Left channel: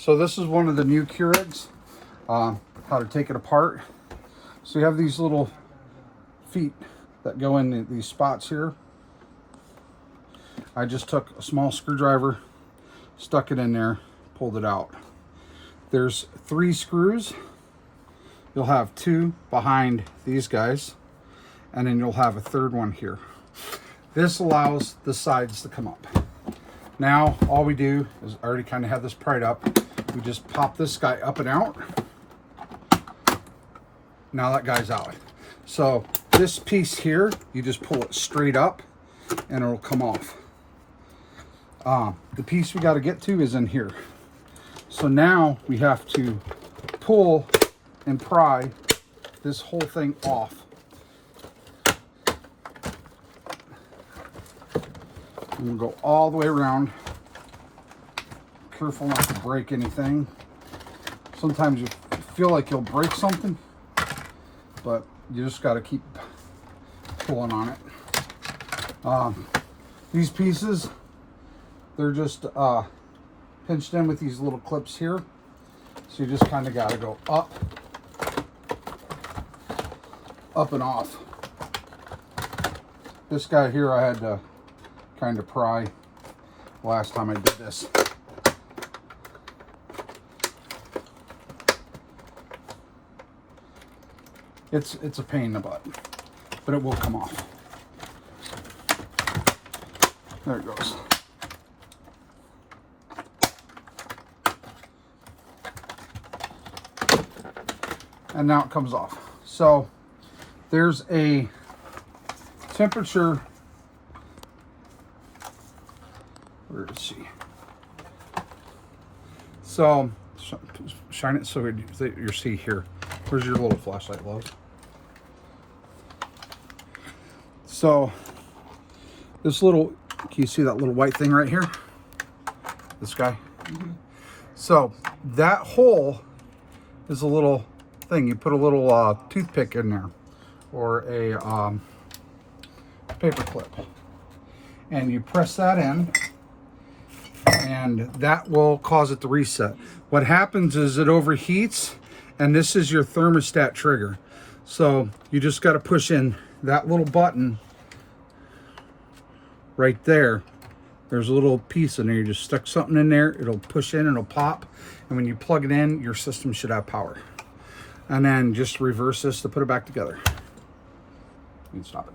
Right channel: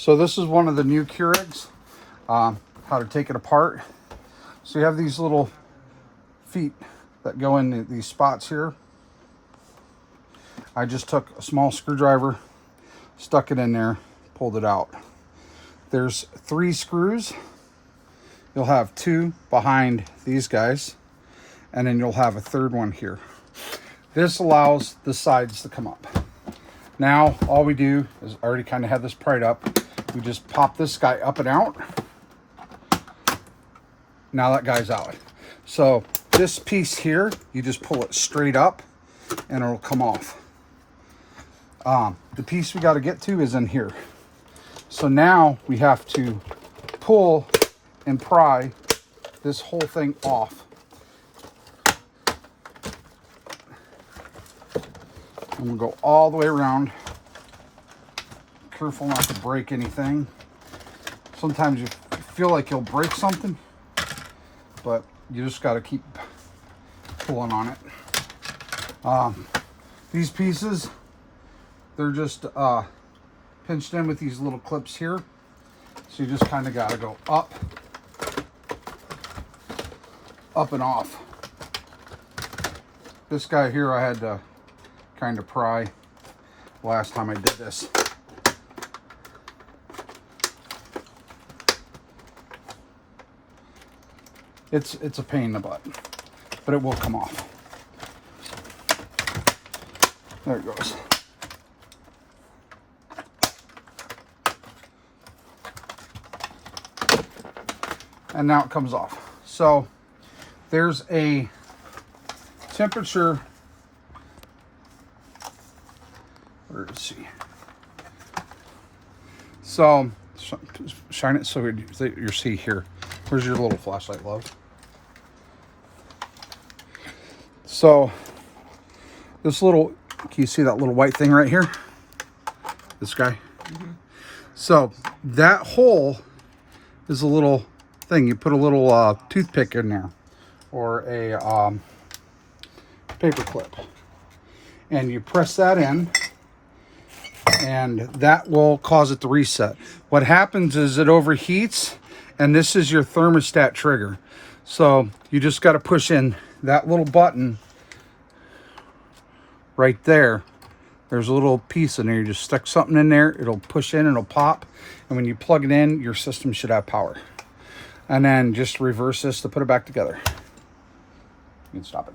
So this is one of the new Keurigs, how to take it apart. So you have these little feet that go in these spots here. I just took a small screwdriver, stuck it in there, pulled it out. There's 3 screws. You'll have 2 behind these guys, and then you'll have a 3rd one here. This allows the sides to come up. Now, all we do is, I already kind of had this pried up. We just pop this guy up and out. Now that guy's out. So this piece here, you just pull it straight up and it'll come off. The piece we got to get to is in here. So now we have to pull and pry this whole thing off. And we'll go all the way around. Careful not to break anything. Sometimes you feel like you'll break something, but you just got to keep pulling on it. These pieces, they're just pinched in with these little clips here. So you just kind of got to go up and off. This guy here I had to kind of pry last time I did this. It's a pain in the butt, but it will come off. There it goes. And now it comes off. So there's a temperature. Where is she? So shine it so you see here. Where's your little flashlight, love? So this little, can you see that little white thing right here? This guy. Mm-hmm. So that hole is a little thing. You put a little toothpick in there, or a paper clip, and you press that in, and that will cause it to reset. What happens is it overheats, and this is your thermostat trigger. So you just got to push in that little button right there. There's a little piece in there. You just stick something in there, it'll push in, it'll pop, and when you plug it in, your system should have power. And then just reverse this to put it back together. You can stop it.